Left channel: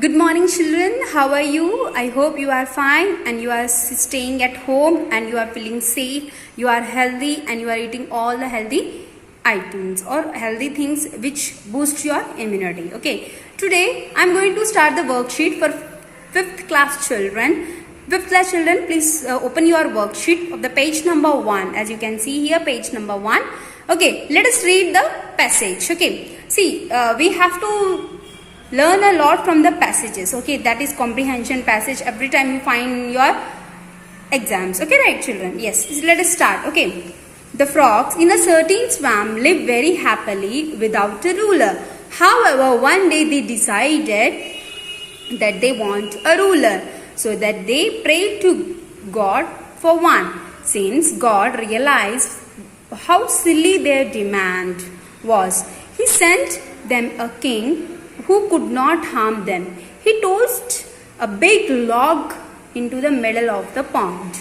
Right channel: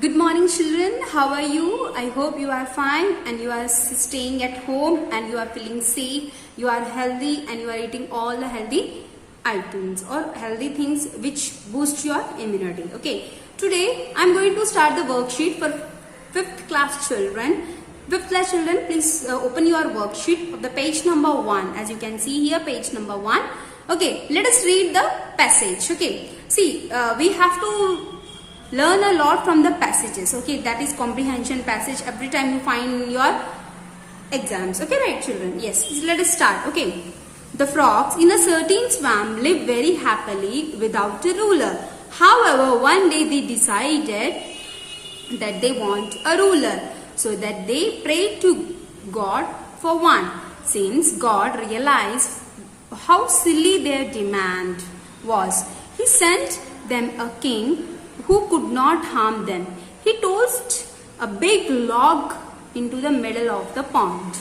Good morning, children. How are you? I hope you are fine and you are staying at home and you are feeling safe, you are healthy and you are eating all the healthy items or healthy things which boost your immunity. Okay. Today I am going to start the worksheet for 5th class children. 5th class children, please open your worksheet of the page number 1. As you can see here, page number 1. Okay, let us read the passage. Okay. See, we have to learn a lot from the passages. Okay, that is comprehension passage every time you find your exams. Okay, right children? Yes, let us start. Okay, the frogs in a certain swamp lived very happily without a ruler. However, one day they decided that they want a ruler, so that they prayed to God for one. Since God realized how silly their demand was, He sent them a king who could not harm them. He tossed a big log into the middle of the pond.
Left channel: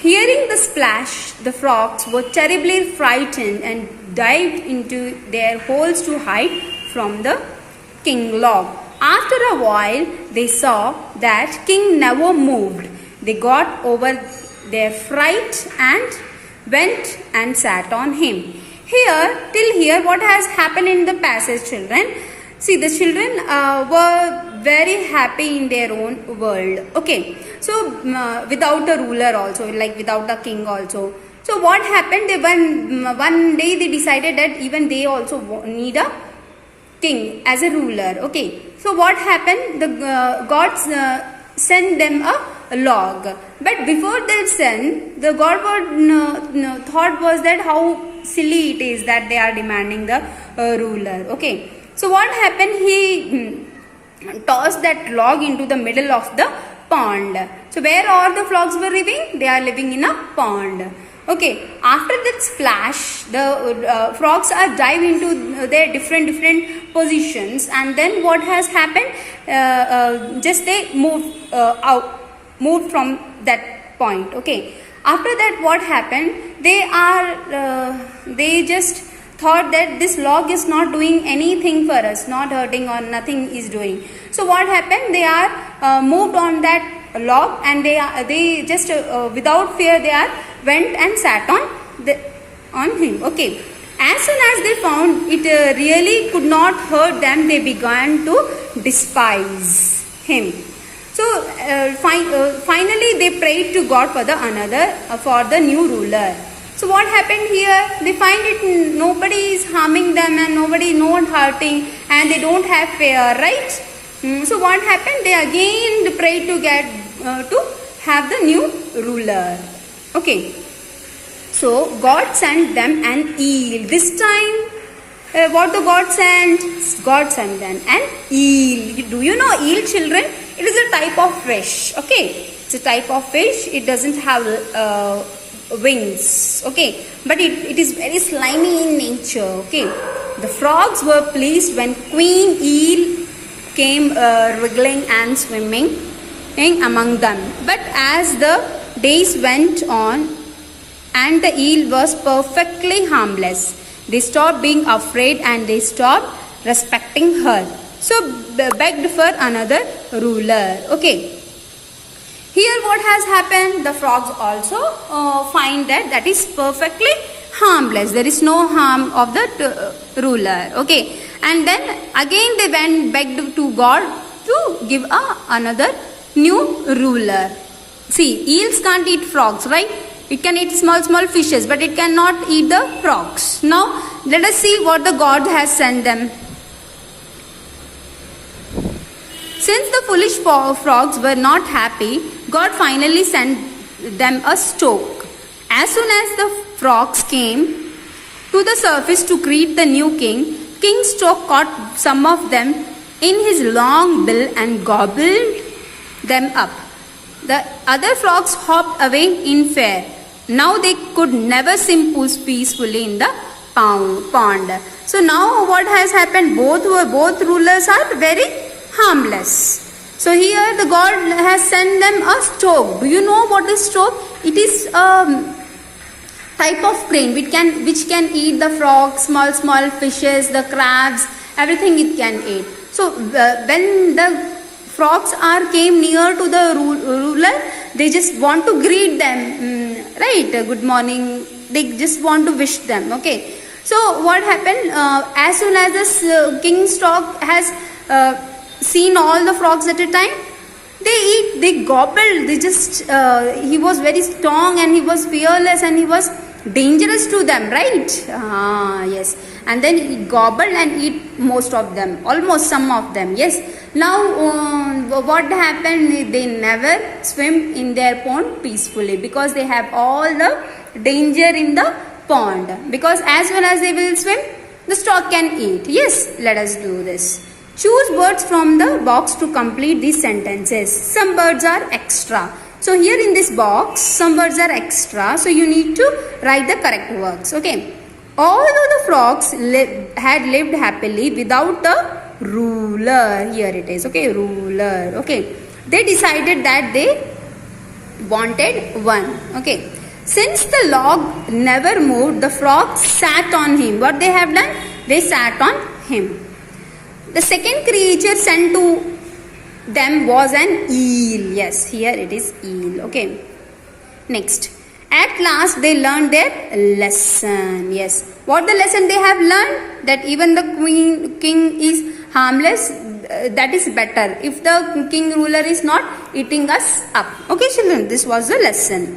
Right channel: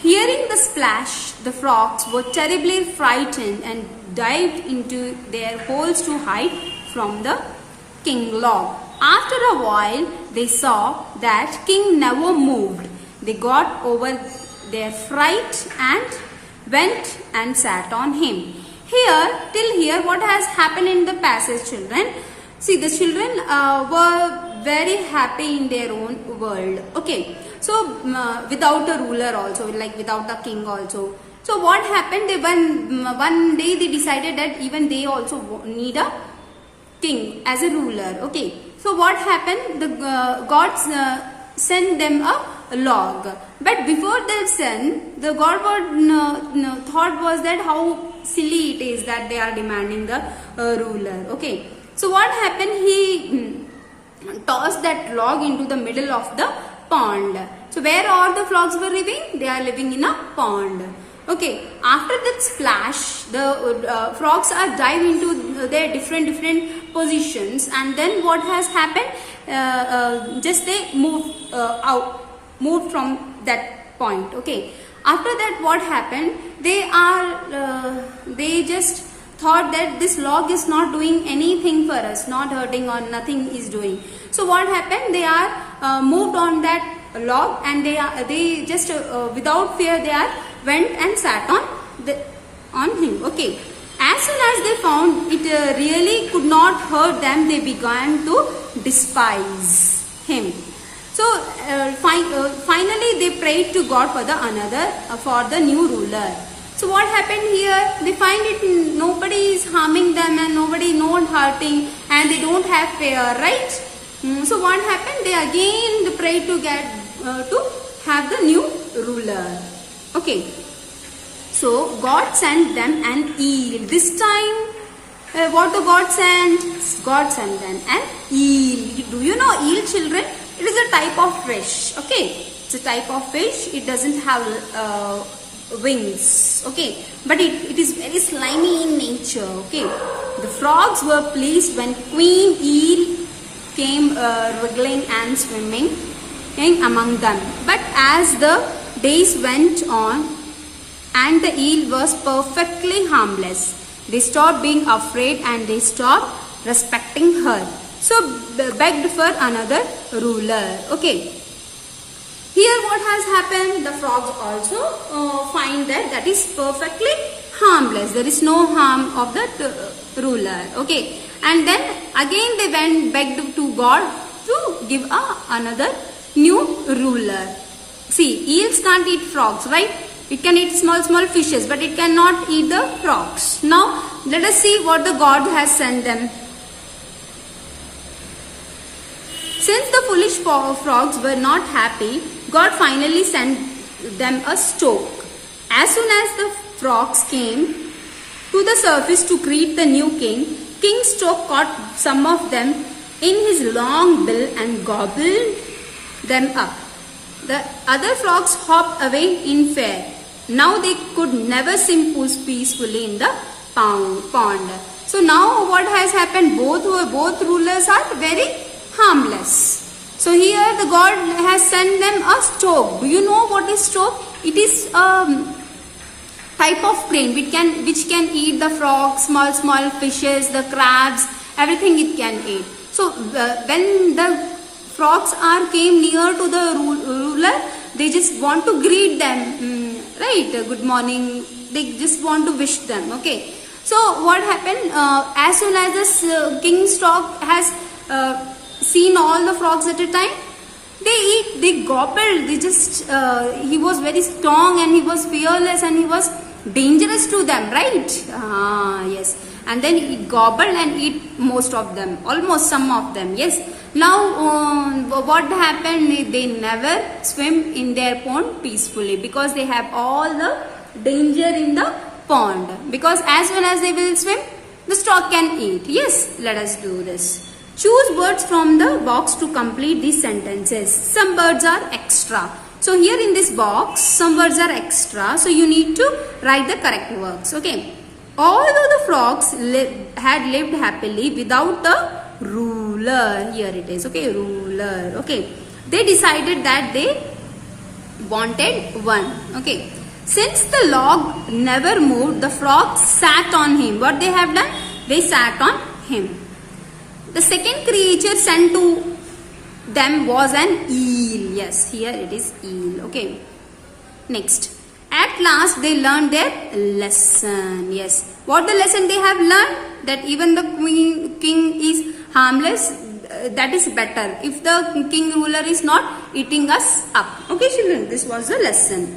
Hearing the splash, the frogs were terribly frightened and dived into their holes to hide from the king log. After a while, they saw that king never moved. They got over their fright and went and sat on him. Till here, what has happened in the passage, children? See, the children were very happy in their own world. Okay, so without a ruler also, like without a king also. So what happened? One day they decided that even they also need a king as a ruler. Okay, so what happened? The God sent them a log. But before they sent, the God thought was that how silly it is that they are demanding the ruler. Okay, so what happened? He tossed that log into the middle of the pond. So where all the frogs were living? They are living in a pond. Okay, after that splash, the frogs are dive into their different positions, and then what has happened? Just they moved from that point. Okay, after that what happened? They just thought that this log is not doing anything for us, not hurting or nothing is doing. So what happened? They are moved on that log, and they just without fear they are went and sat on him. Okay, as soon as they found it really could not hurt them, they began to despise him. So finally they prayed to God for the new ruler. So what happened here? They find it nobody is harming them and nobody not hurting, and they don't have fear, right? So what happened? They again prayed to get to have the new ruler. Okay. So God sent them an eel. This time, what the God sent? God sent them an eel. Do you know eel, children? It is a type of fish. Okay, it's a type of fish. It doesn't have wings. Okay, but it is very slimy in nature. Okay, the frogs were pleased when Queen Eel came wriggling and swimming among them. But as the days went on and the eel was perfectly harmless, they stopped being afraid and they stopped respecting her. So begged for another ruler. Okay. Here what has happened? The frogs also find that is perfectly harmless. There is no harm of the ruler. Okay. And then again they went begged to God to give another new ruler. See, eels can't eat frogs, right? It can eat small fishes, but it cannot eat the frogs. Now let us see what the God has sent them. Since the foolish frogs were not happy, God finally sent them a stork. As soon as the frogs came to the surface to greet the new king, King Stork caught some of them in his long bill and gobbled them up. The other frogs hopped away in fear. Now they could never swim peacefully in the pond. So now what has happened? Both rulers are very harmless. So here the God has sent them a stork. Do you know what is stork? It is a type of crane which can eat the frogs, small fishes, the crabs, everything it can eat. So So when the frogs are came near to the ruler, they just want to greet them, right? Good morning. They just want to wish them. Okay. So what happened? As soon as this king's dog has seen all the frogs at a time, they eat, they gobbled. They just he was very strong and he was fearless and he was dangerous to them, right? Yes. And then he gobbled and eat most of them, almost some of them. Yes. Now what happened? They never swim in their pond peacefully because they have all the danger in the pond. Because as soon as they will swim, the stork can eat. Yes. Let us do this. Choose words from the box to complete these sentences. Some words are extra. So here in this box, some words are extra. So you need to write the correct words. Okay. Although the frogs had lived happily without a ruler. Here it is. Okay. Ruler. Okay. They decided that they wanted one. Okay. Since the log never moved, the frogs sat on him. What they have done? They sat on him. The second creature sent to them was an eel. Yes, here it is eel. Okay. Next. At last they learned their lesson. Yes. What the lesson they have learned? That even the king is harmless. That is better. If the king ruler is not eating us up. Okay, children. This was the lesson.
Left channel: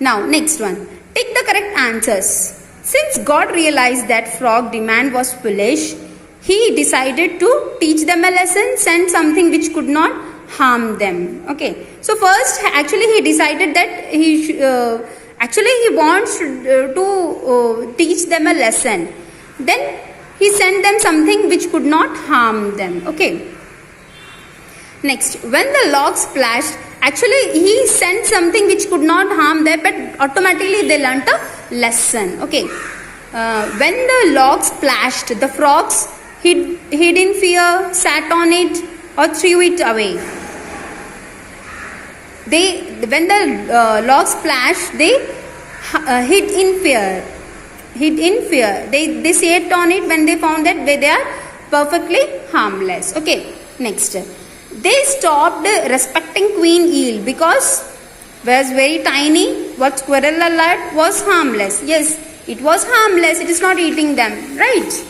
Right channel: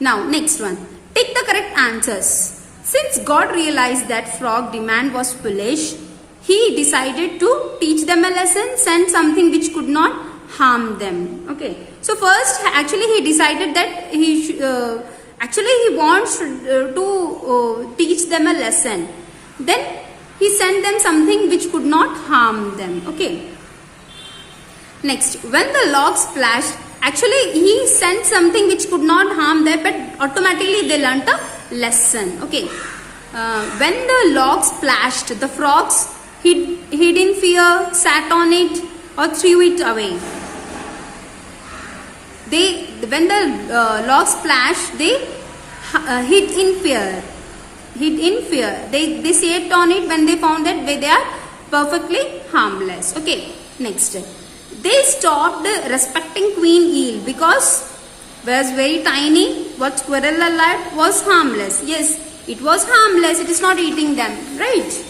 Now, next one. Take the correct answers. Since God realized that frog demand was foolish, He decided to teach them a lesson, send something which could not harm them. Okay. So first, actually, he decided that he wants to teach them a lesson. Then he sent them something which could not harm them. Okay. Next, when the log splashed, actually he sent something which could not harm them, but automatically they learnt a lesson. Okay. When the log splashed, the frogs hid in fear, sat on it, or threw it away. When the log splashed, they hid in fear. They sat on it when they found that they are perfectly harmless. Okay. Next, they stopped respecting Queen Eel because it was very tiny. What squirrel alert was harmless. Yes, it was harmless. It is not eating them. Right.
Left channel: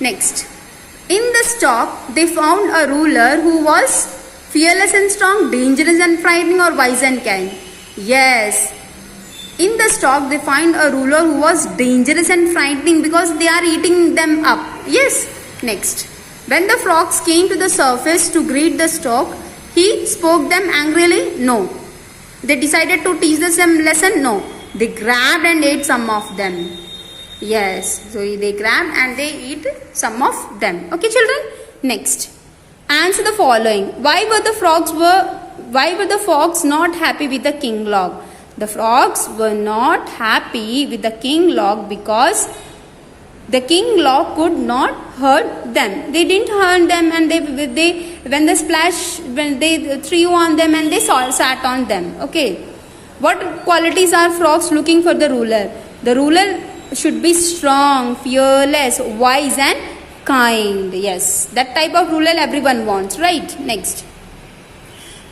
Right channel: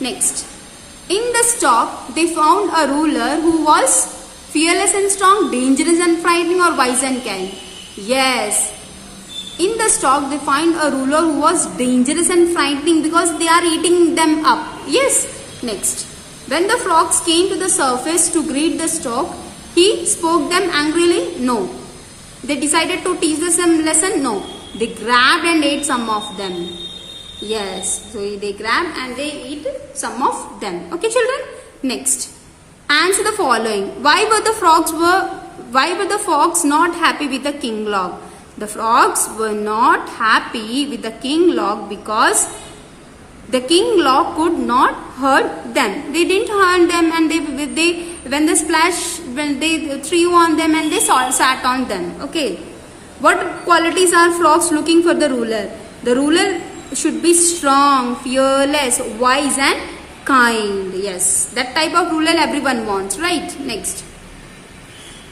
Next. In the stock, they found a ruler who was fearless and strong, dangerous and frightening, or wise and kind. Yes. In the stock, they find a ruler who was dangerous and frightening because they are eating them up. Yes. Next. When the frogs came to the surface to greet the stock, he spoke them angrily? No. They decided to teach them lesson? No. They grabbed and ate some of them. Yes, so they grab and they eat some of them. Okay, children. Next, answer the following. Why were the frogs not happy with the king log? The frogs were not happy with the king log because the king log could not hurt them. They didn't hurt them, and when they threw on them and they sat on them. Okay. What qualities are frogs looking for the ruler? The ruler should be strong, fearless, wise and kind. Yes, that type of ruler everyone wants, right? Next.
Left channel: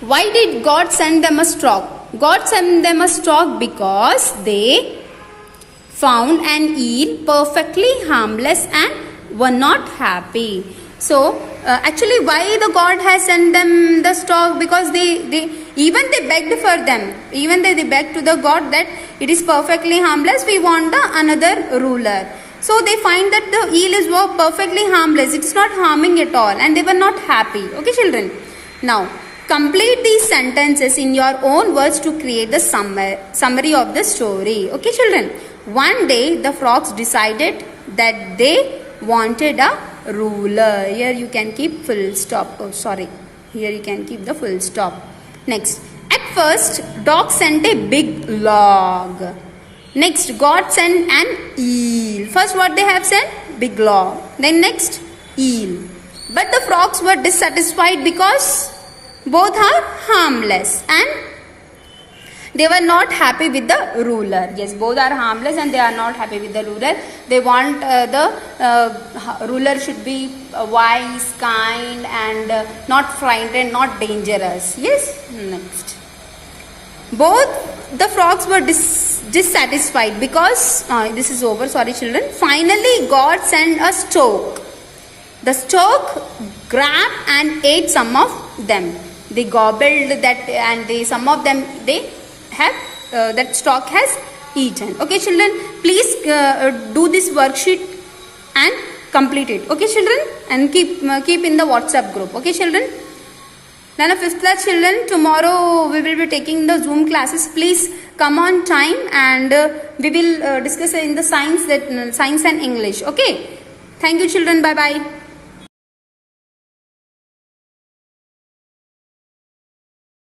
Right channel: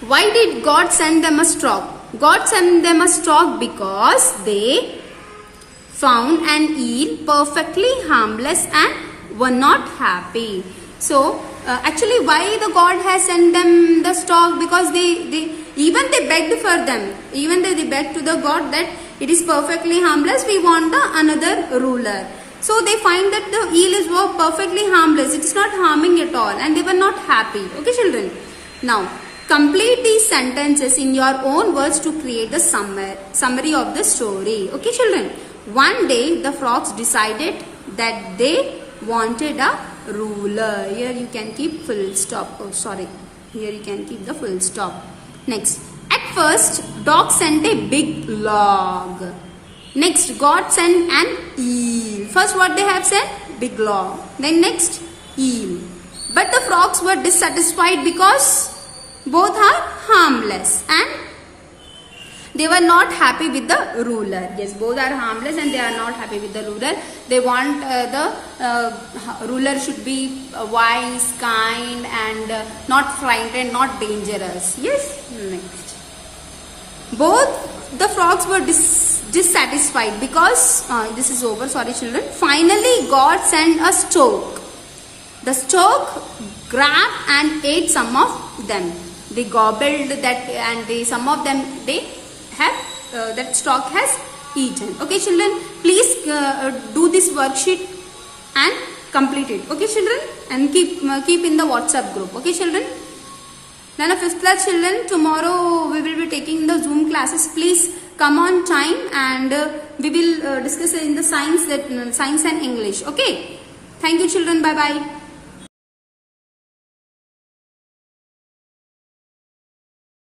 Why did God send them a stork? God sent them a stork because they found an eel perfectly harmless and were not happy. So, actually why the God has sent them the stork? Because they begged for them. Even they begged to the God that it is perfectly harmless. We want another ruler. So they find that the eel is perfectly harmless. It is not harming at all, and they were not happy. Okay, children. Now, complete these sentences in your own words to create the summary of the story. Okay, children. One day, the frogs decided that they wanted a ruler. Here you can keep full stop. Oh, sorry. Here you can keep the full stop. Next. At first, dog sent a big log. Next, God sent an eel. First, what they have sent? Big log. Then next, eel. But the frogs were dissatisfied because both are harmless and They were not happy with the ruler. Yes, both are harmless and they are not happy with the ruler. They want the ruler should be wise, kind, and not frightened, not dangerous. Yes, next. Both the frogs were dissatisfied because this is over. Sorry, children. Finally, God sent a stork. The stork grabbed and ate some of them. They gobbled that, and some of them they have that stork has eaten. Okay, children. Please do this worksheet and complete it. Okay, children, and keep in the WhatsApp group. Okay, children. Then, 5th class children, tomorrow we will be taking the Zoom classes. Please come on time, and we will discuss in the science and English. Okay. Thank you, children. Bye bye.